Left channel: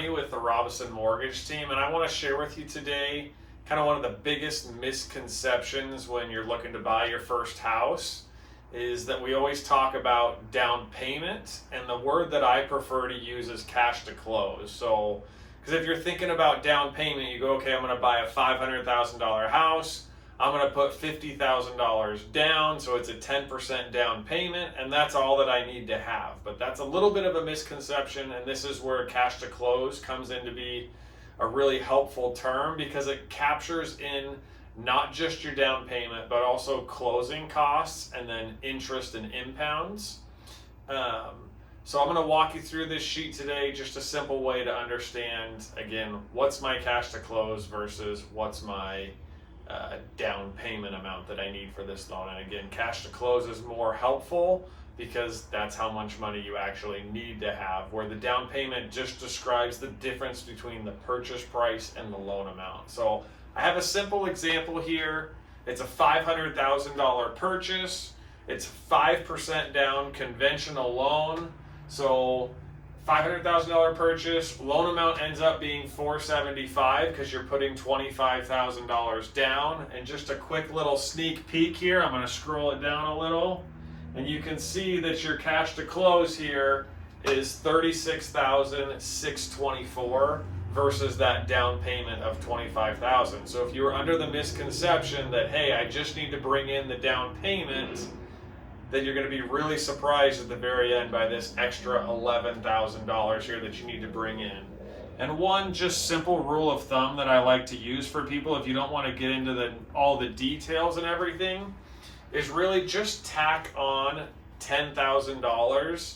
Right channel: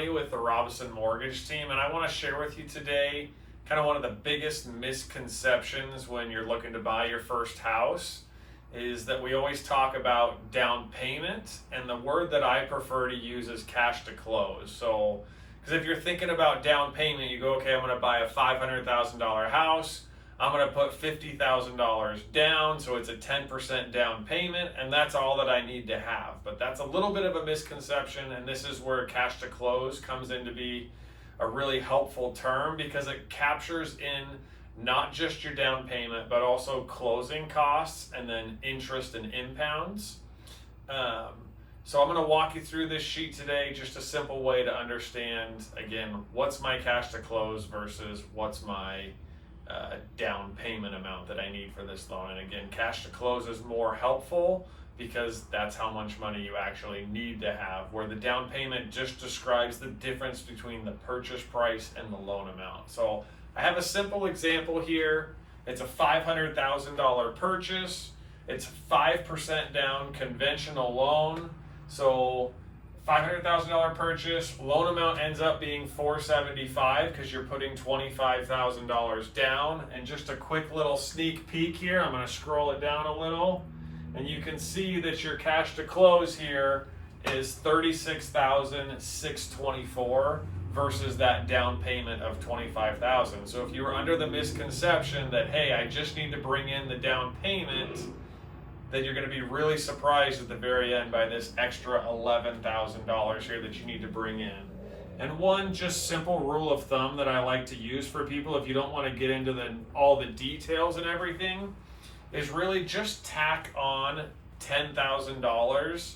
Ronnie with the Robinson Mortgage Team, and I want to share with you today kind of one of the biggest misconceptions when you're looking to buy your first house is that we always talk about down payment, and the word that I prefer to use is cash to close. So, because if you're thinking about down payment, you go, okay, I'm going to buy a $500,000 house. I'm going to put $50,000 down, so it's a 10% down payment, and that's all that I need to have. But that's a little bit of a misconception, and this is where cash to close comes in to be a really helpful term because it captures in not just your down payment, but also closing costs and then interest and impounds. So I'm going to walk you through this sheet today, just a simple way to understand, again, what's my cash to close versus what's my down payment amount that I need for this loan. And again, cash to close is more helpful because that's how much money you actually need to have, where the down payment just describes the difference between the purchase price and the loan amount. So I have a simple example here. It's a $500,000 purchase. It's 5% down conventional loan. So $500,000 purchase, loan amount ends up being $475 because you're putting $25,000 down. And just a quick little sneak peek here, I'm going to scroll it down a little, and you can see that your cash to close here is $36,624 versus that down payment of $25,000. So if you were under the misconception that, hey, I just need to bring in the down payment, then you're going to be really surprised at the very end by this extra $11,000 here that you need to bring in. And one just simple rule of thumb that I like to use for people, if you don't want to get into all the details and everything, is really just tack on $10,000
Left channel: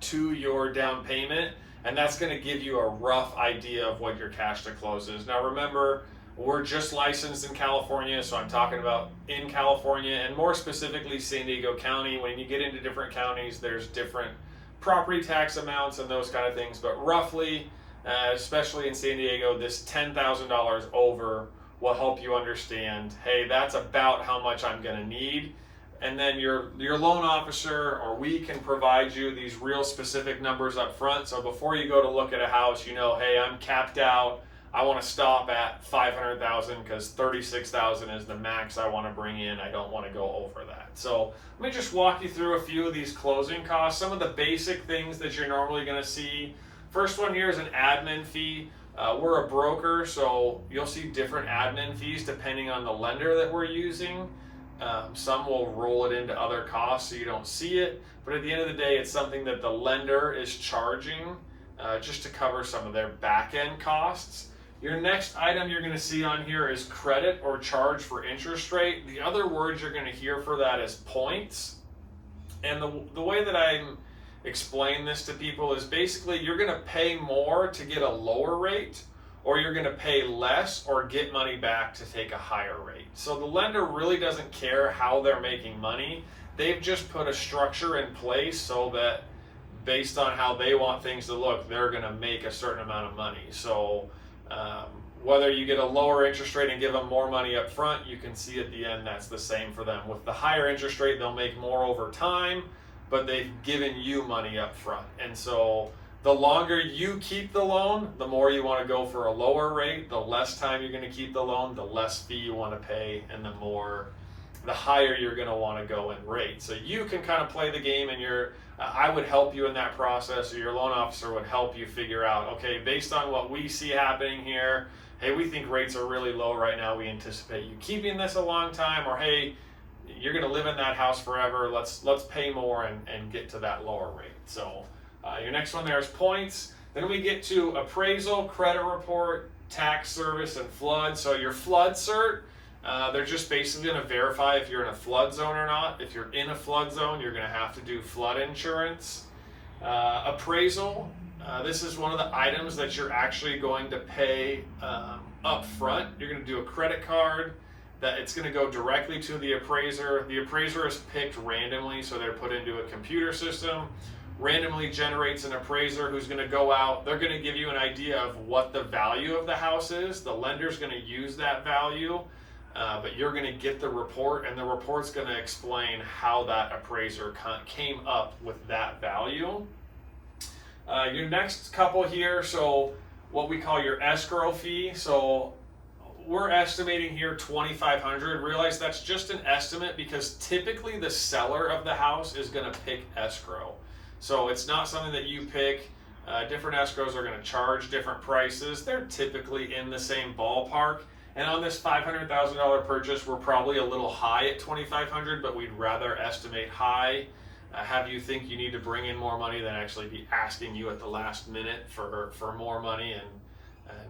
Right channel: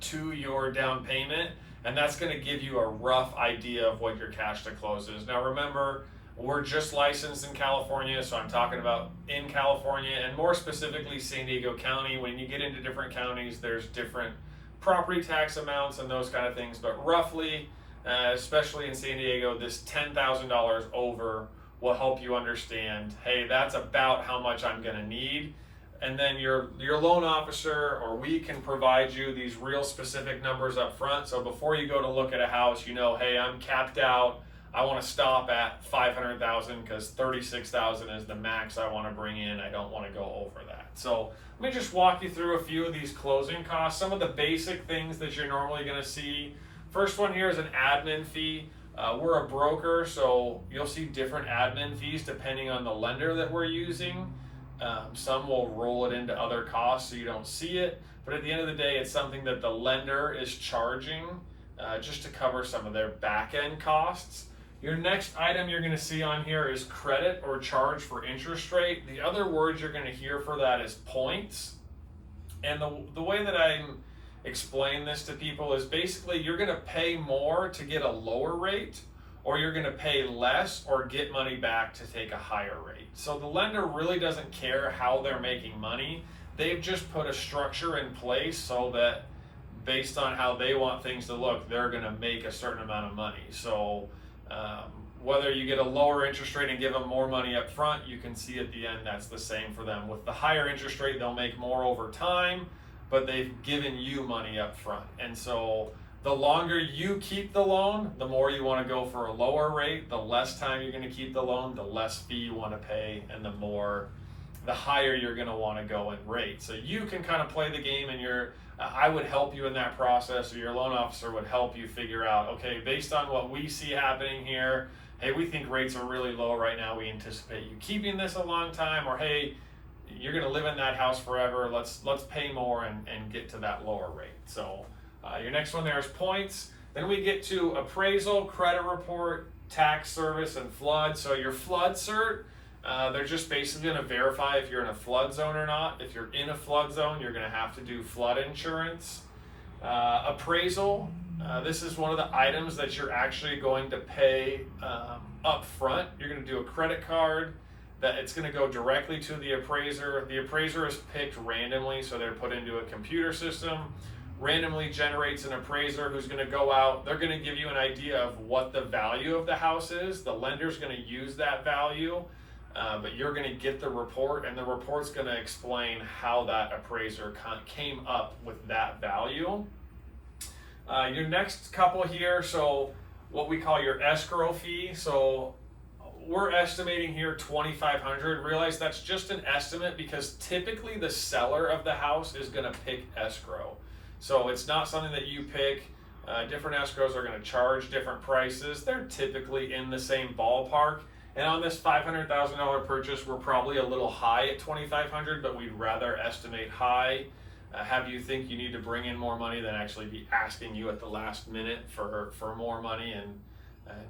to your down payment, and that's going to give you a rough idea of what your cash to close is. Now remember, we're just licensed in California, so I'm talking about in California and more specifically San Diego County. When you get into different counties, there's different property tax amounts and those kind of things, but roughly, especially in San Diego, this $10,000 over will help you understand, hey, that's about how much I'm going to need. And then your loan officer or we can provide you these real specific numbers up front. So before you go to look at a house, you know, hey, I'm capped out. I want to stop at $500,000 because $36,000 is the max I want to bring in. I don't want to go over that. So let me just walk you through a few of these closing costs. Some of the basic things that you're normally going to see. First one here is an admin fee. We're a broker, so you'll see different admin fees depending on the lender that we're using. Some will roll it into other costs so you don't see it, but at the end of the day, it's something that the lender is charging just to cover some of their back-end costs. Your next item you're going to see on here is credit or charge for interest rate. The other words you're going to hear for that is points. And the way that I explain this to people is basically you're going to pay more to get a lower rate, or you're going to pay less or get money back to take a higher rate. So the lender really doesn't care how they're making money. They've just put a structure in place so that based on how they want things to look, they're going to make a certain amount of money. So whether you get a lower interest rate and give them more money up front, you can see at the end that's the same for them. With the higher interest rate, they'll make more over time, but they've given you money up front. And so the longer you keep the loan, the more you want to go for a lower rate. The less time you're going to keep the loan, the less fee you want to pay, and the higher you're going to want to go in rate. So you can kind of play the game, and I would help you in that process, or your loan officer would help you figure out, okay, based on what we see happening here, hey, we think rates are really low right now. We anticipate you keeping this a long time, or hey, you're going to live in that house forever. Let's pay more and get to that lower rate. So your next one there is points. Then we get to appraisal, credit report, tax service, and flood. So your flood cert, they're just basically going to verify if you're in a flood zone or not. If you're in a flood zone, you're going to have to do flood insurance. Appraisal, this is one of the items that you're actually going to pay up front. You're going to do a credit card that it's going to go directly to the appraiser. The appraiser is picked randomly, so they're put into a computer system, randomly generates an appraiser who's going to go out. They're going to give you an idea of what the value of the house is. The lender's going to use that value, but you're going to get the report, and the report's going to explain how that appraiser came up with that value. Your next couple here, so what we call your escrow fee. So we're estimating here 2,500. Realize that's just an estimate because typically the seller of the house is going to pick escrow. So it's not something that you pick. Different escrows are going to charge different prices. They're typically in the same ballpark. And on this $500,000 purchase, we're probably a little high at 2,500, but we'd rather estimate high. Have you think you need to bring in more money than actually be asking you at the last minute for more money and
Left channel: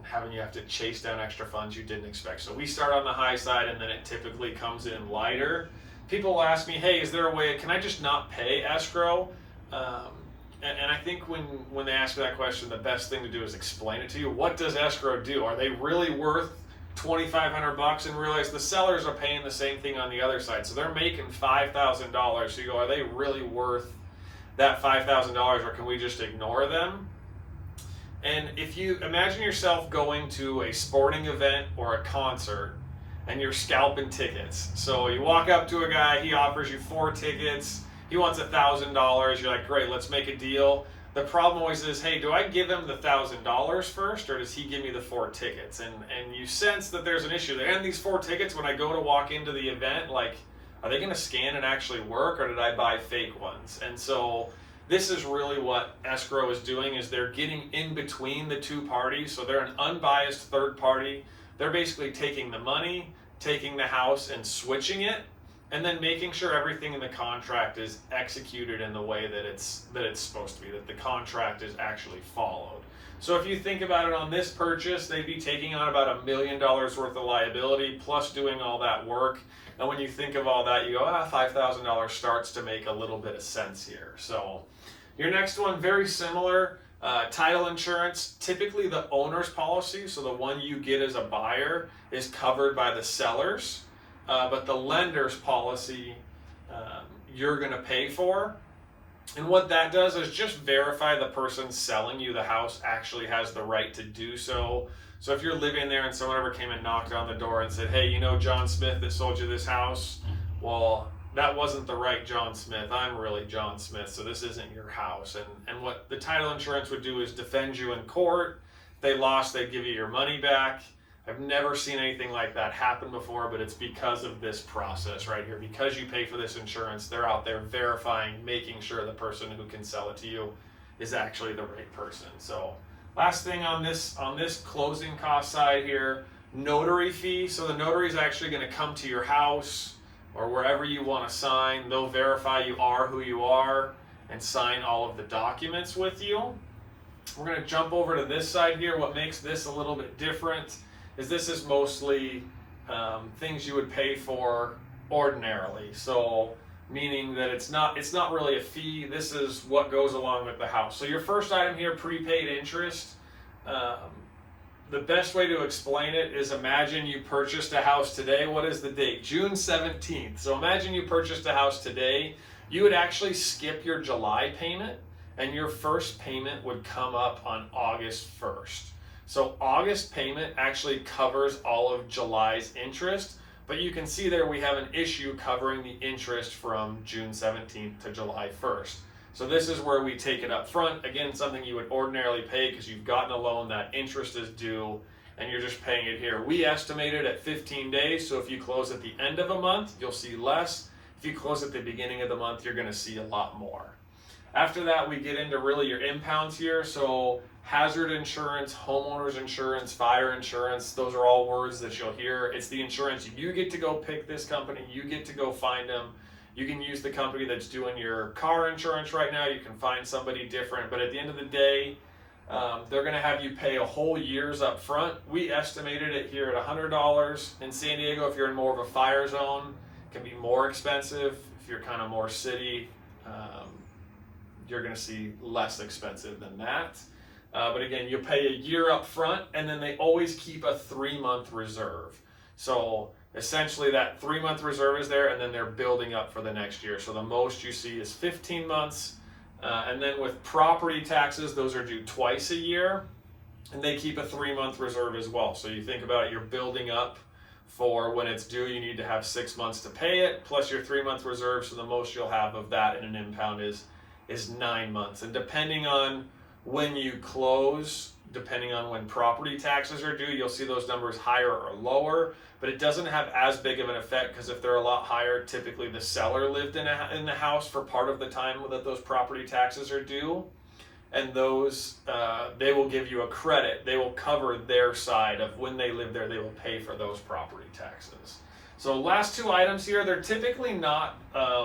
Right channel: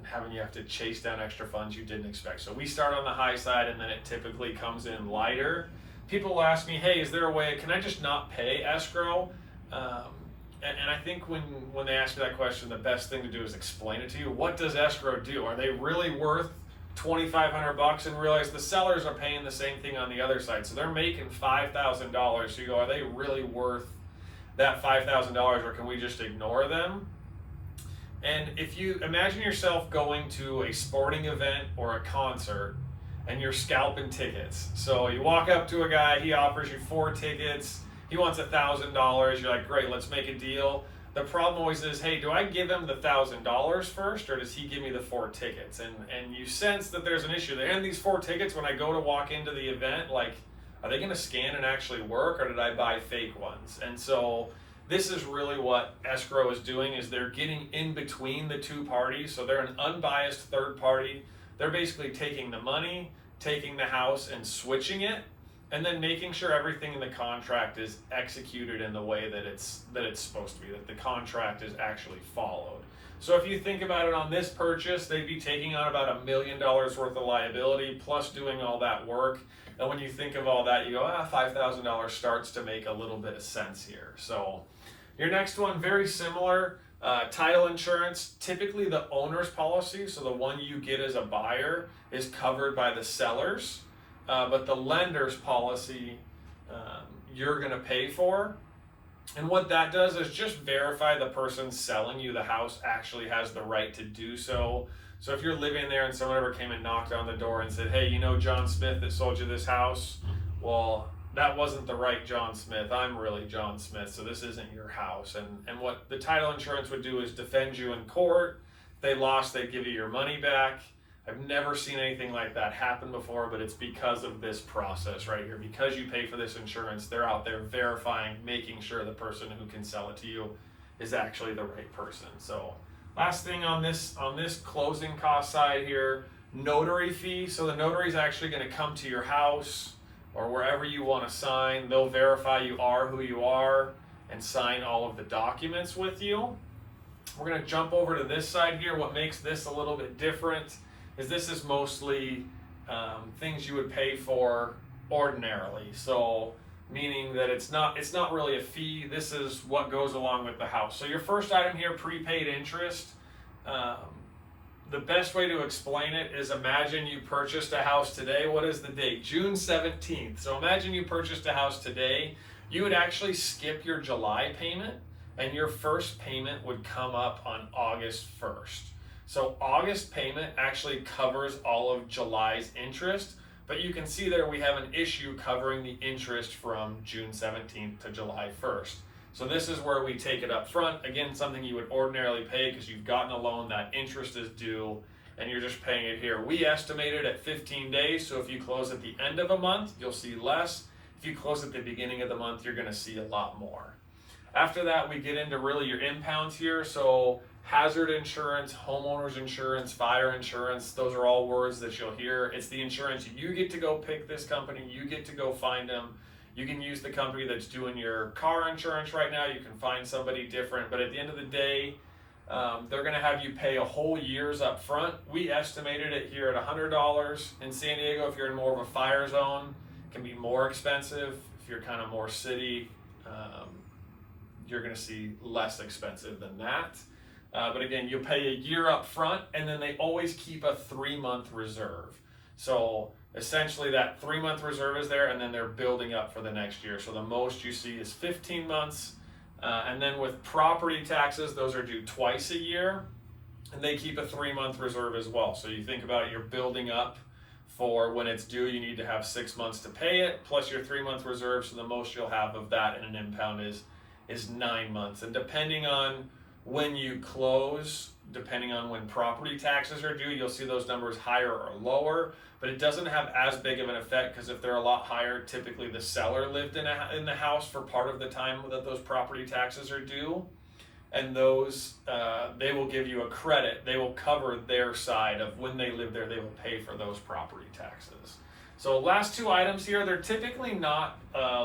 having you have to chase down extra funds you didn't expect. So we start on the high side, and then it typically comes in lighter. People ask me, hey, is there a way, can I just not pay escrow? And I think when they ask you that question, the best thing to do is explain it to you. What does escrow do? Are they really worth $2,500 and realize the sellers are paying the same thing on the other side? So they're making $5,000. So you go, are they really worth that $5,000, or can we just ignore them? And if you imagine yourself going to a sporting event or a concert and you're scalping tickets. So you walk up to a guy, he offers you 4 tickets, he wants $1,000, you're like, great, let's make a deal. The problem always is, hey, do I give him the $1,000 first, or does he give me the 4 tickets? And you sense that there's an issue there. And these 4 tickets, when I go to walk into the event, like, are they gonna scan and actually work, or did I buy fake ones? And so this is really what escrow is doing, is they're getting in between the two parties. So they're an unbiased third party. They're basically taking the money, taking the house and switching it, and then making sure everything in the contract is executed in the way that it's supposed to be, that the contract is actually followed. So if you think about it, on this purchase, they'd be taking on about $1 million worth of liability plus doing all that work. And when you think of all that, you go, $5,000 starts to make a little bit of sense here. So your next one, very similar. Title insurance, typically the owner's policy, so the one you get as a buyer, is covered by the sellers, but the lender's policy you're going to pay for. And what that does is just verify the person selling you the house actually has the right to do so. So if you're living there and someone ever came and knocked on the door and said, hey, you know John Smith that sold you this house? Well, that wasn't the right John Smith. I'm really John Smith, so this isn't your house. And what the title insurance would do is defend you in court. If they lost, they'd give you your money back. I've never seen anything like that happen before, but it's because of this process right here. Because you pay for this insurance, they're out there verifying, making sure the person who can sell it to you is actually the right person. So last thing on this closing cost side here, notary fee. So the notary is actually going to come to your house or wherever you want to sign. They'll verify you are who you are and sign all of the documents with you. We're going to jump over to this side here. What makes this a little bit different is this is mostly things you would pay for ordinarily. So meaning that it's not really a fee. This is what goes along with the house. So your first item here, prepaid interest. The best way to explain it is, imagine you purchased a house today. What is the date? June 17th. So imagine you purchased a house today. You would actually skip your July payment, and your first payment would come up on August 1st. So August payment actually covers all of July's interest, but you can see there we have an issue covering the interest from June 17th to July 1st. So this is where we take it up front. Again, something you would ordinarily pay because you've gotten a loan, that interest is due, and you're just paying it here. We estimate it at 15 days, so if you close at the end of a month, you'll see less. If you close at the beginning of the month, you're gonna see a lot more. After that, we get into really your impounds here. So hazard insurance, homeowner's insurance, fire insurance, those are all words that you'll hear. It's the insurance. You get to go pick this company. You get to go find them. You can use the company that's doing your car insurance right now. You can find somebody different. But at the end of the day, they're going to have you pay a whole year's up front. We estimated it here at $100. In San Diego, if you're in more of a fire zone, it can be more expensive. If you're kind of more city, you're going to see less expensive than that. But again, you pay a year up front, and then they always keep a 3-month reserve. So essentially that 3-month reserve is there, and then they're building up for the next year. So the most you see is 15 months. And then with property taxes, those are due twice a year, and they keep a 3-month reserve as well. So you think about it, you're building up for when it's due, you need to have 6 months to pay it, plus your 3-month reserve. So the most you'll have of that in an impound is 9 months. And depending on When you close, depending on when property taxes are due, you'll see those numbers higher or lower, but it doesn't have as big of an effect because if they're a lot higher, typically the seller lived in the house for part of the time that those property taxes are due, and those they will give you a credit. They will cover their side of when they live there. They will pay for those property taxes. So last two items here, they're typically not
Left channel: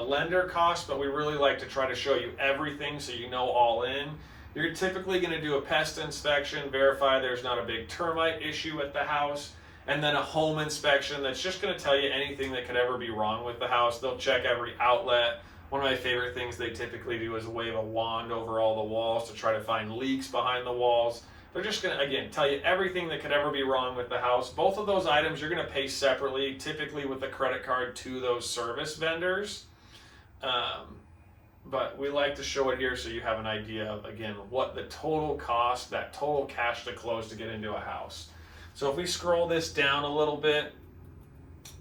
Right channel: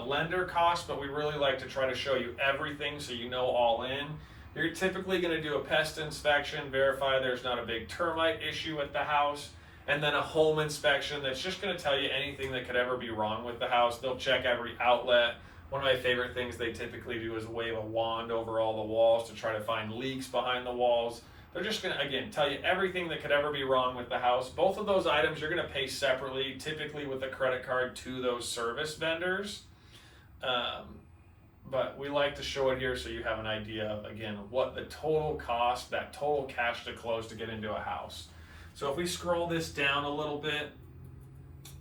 lender costs, but we really like to try to show you everything so you know all in. You're typically going to do a pest inspection, verify there's not a big termite issue at the house, and then a home inspection that's just going to tell you anything that could ever be wrong with the house. They'll check every outlet. One of my favorite things they typically do is wave a wand over all the walls to try to find leaks behind the walls. They're just going to, again, tell you everything that could ever be wrong with the house. Both of those items you're going to pay separately, typically with a credit card to those service vendors. But we like to show it here so you have an idea of, again, what the total cost, that total cash to close to get into a house. So if we scroll this down a little bit,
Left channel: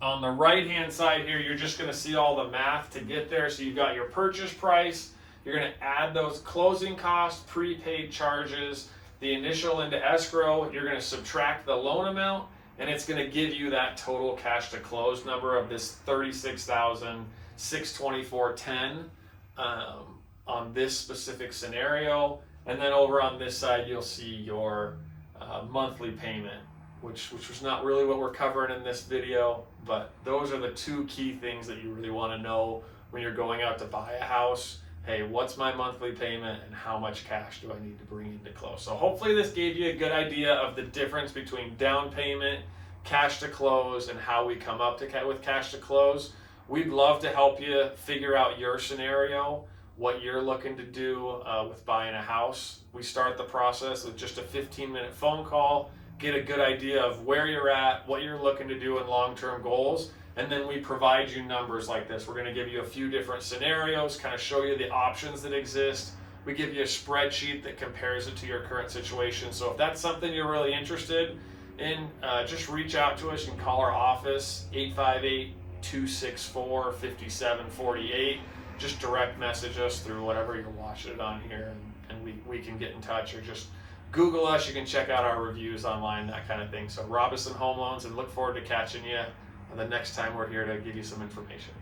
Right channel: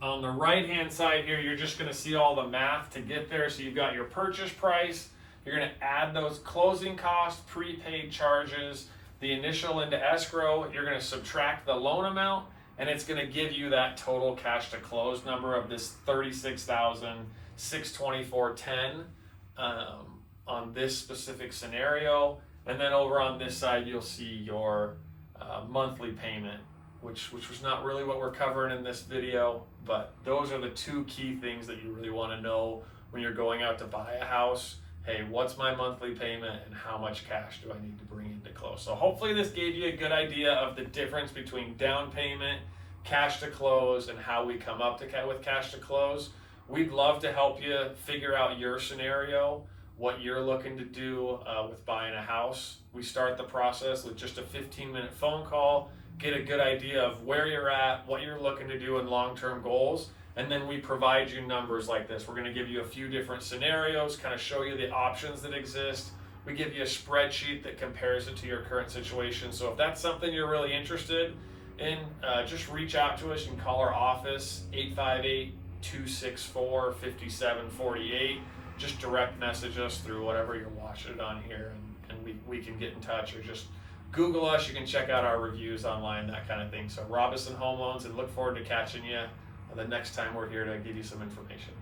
on the right-hand side here, you're just going to see all the math to get there. So you've got your purchase price. You're going to add those closing costs, prepaid charges, the initial into escrow. You're going to subtract the loan amount, and it's going to give you that total cash to close number of this $36,624.10 on this specific scenario. And then over on this side, you'll see your monthly payment, which was not really what we're covering in this video, but those are the two key things that you really want to know when you're going out to buy a house. Hey, what's my monthly payment and how much cash do I need to bring in to close? So hopefully this gave you a good idea of the difference between down payment, cash to close, and how we come up to with cash to close. We'd love to help you figure out your scenario, what you're looking to do with buying a house. We start the process with just a 15-minute phone call, get a good idea of where you're at, what you're looking to do, and long-term goals. And then we provide you numbers like this. We're going to give you a few different scenarios, kind of show you the options that exist. We give you a spreadsheet that compares it to your current situation. So if that's something you're really interested in, just reach out to us. You can call our office, 858-264-5748. Just direct message us through whatever you're watching it on here, and we can get in touch, or just Google us. You can check out our reviews online, that kind of thing. So Robinson Home Loans, and look forward to catching you the next time we're here to give you some information.